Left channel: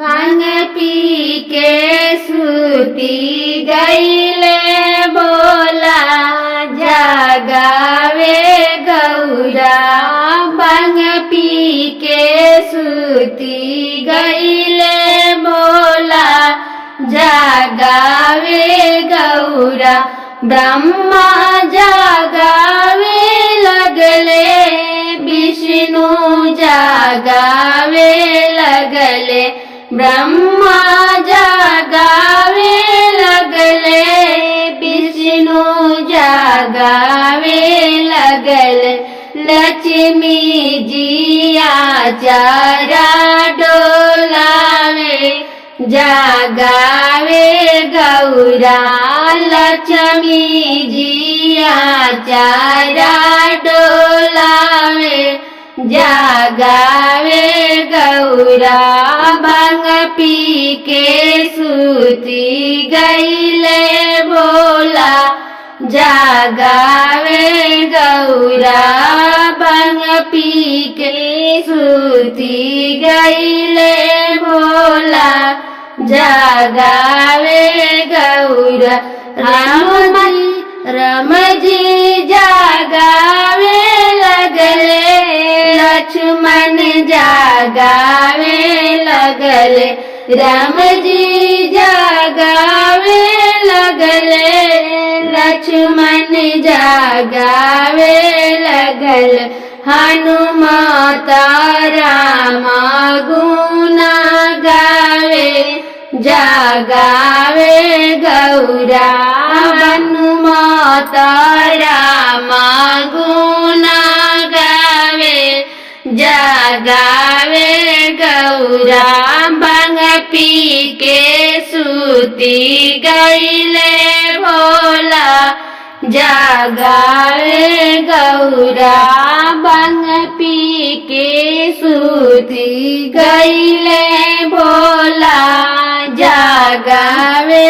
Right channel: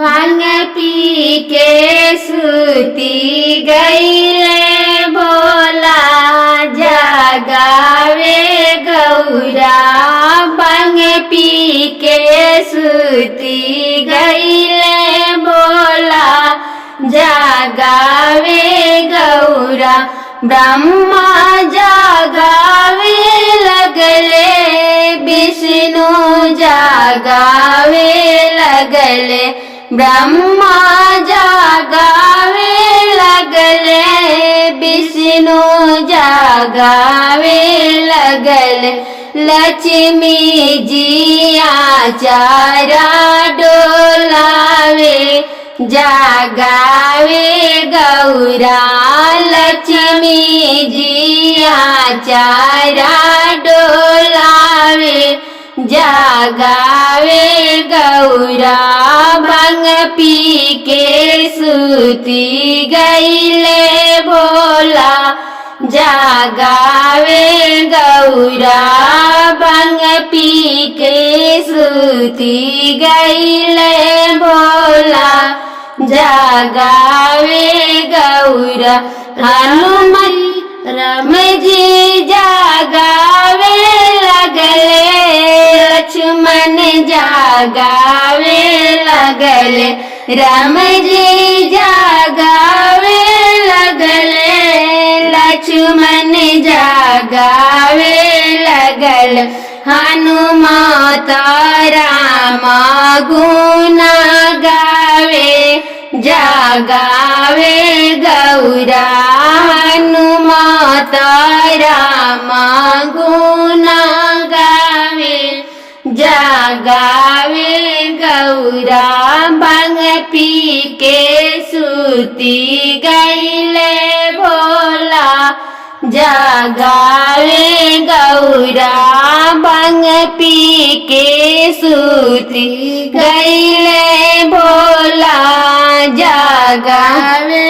भांग पी के सूती गईले भोला जगावे गौरा। भांग पी के सूती गईले भोला जगावे गौरा। ब्रह्मा जगावे लगले विष्णु जगावे लगले। ब्रह्मा जगावे लगले विष्णु जगावे लगले। लक्ष्मी जिया चारा डोलावे जगावे गौरा। लक्ष्मी जिया चारा डोलावे जगावे गौरा। भांग पी के सूती गईले भोला जगावे गौरा। भांग पी के सूती गईले भोला जगावे गौरा। राम जी जगावे लगले लक्ष्मण जगावे लगले। राम जी जगावे लगले लक्ष्मण जगावे लगले। हनुमत राम गुण गावे जगावे गौरा। हनुमत राम गुण गावे जगावे गौरा। भांग पी के सूती गईले भोला जगावे गौरा। भांग पी के सूती गईले भोला जगावे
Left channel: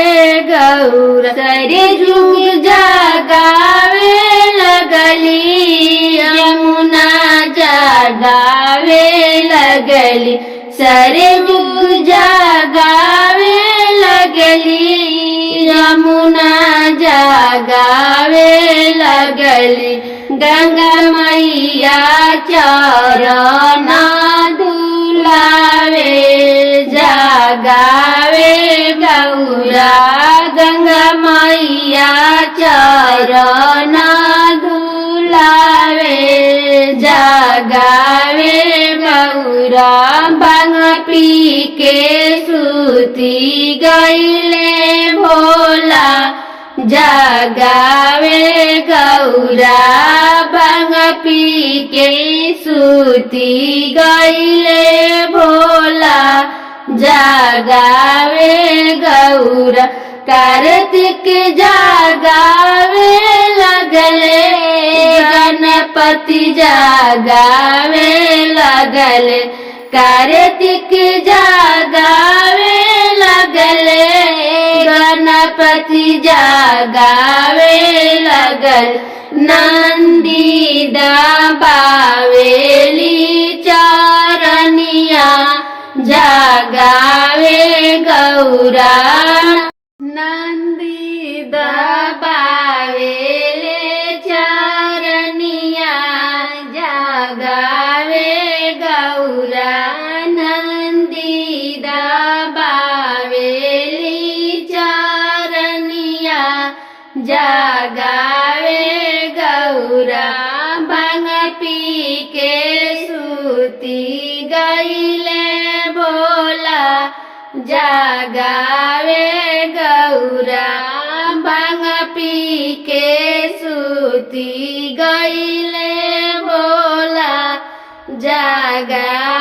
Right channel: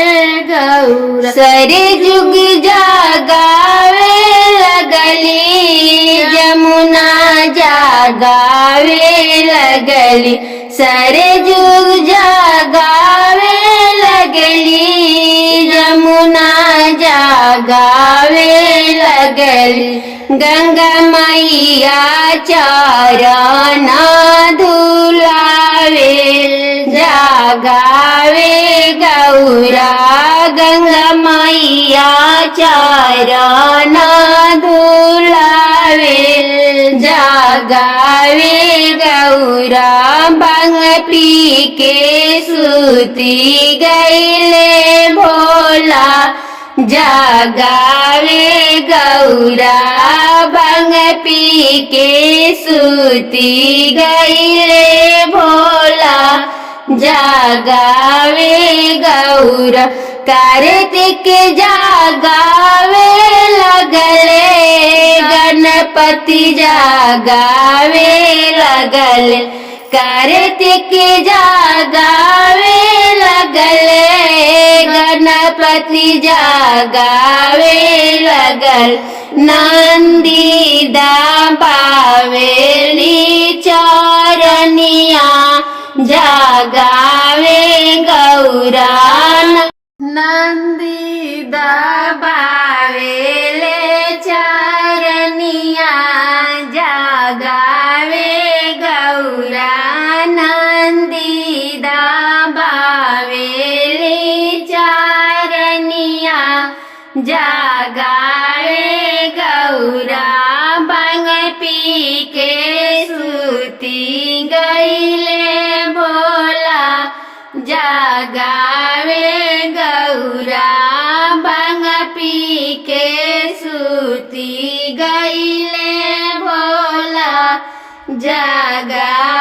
गौरा। सारे जुग जगावे लगली यमुना जगावे लगली। सारे जुग जगावे लगली यमुना जगावे लगली। गंगा मैया चरण धुलावे जगावे गौरा। गंगा मैया चरण धुलावे जगावे गौरा। भांग पी के सूती गईले भोला जगावे गौरा। भांग पी के सूती गईले भोला जगावे गौरा। कार्तिक जगावे लगले गणपति जगावे लगले। कार्तिक जगावे लगले गणपति जगावे लगल। नंदी दबावेली चरनिया जगावे गौरा। नंदी दबावेले चरनिया जगावे गौरा। नंदी दबावेली चरनिया जगावे गौरा। भांग पी के सूती गईले भोला जगावे गौरा। भांग पी के सूती गईले भोला जगावे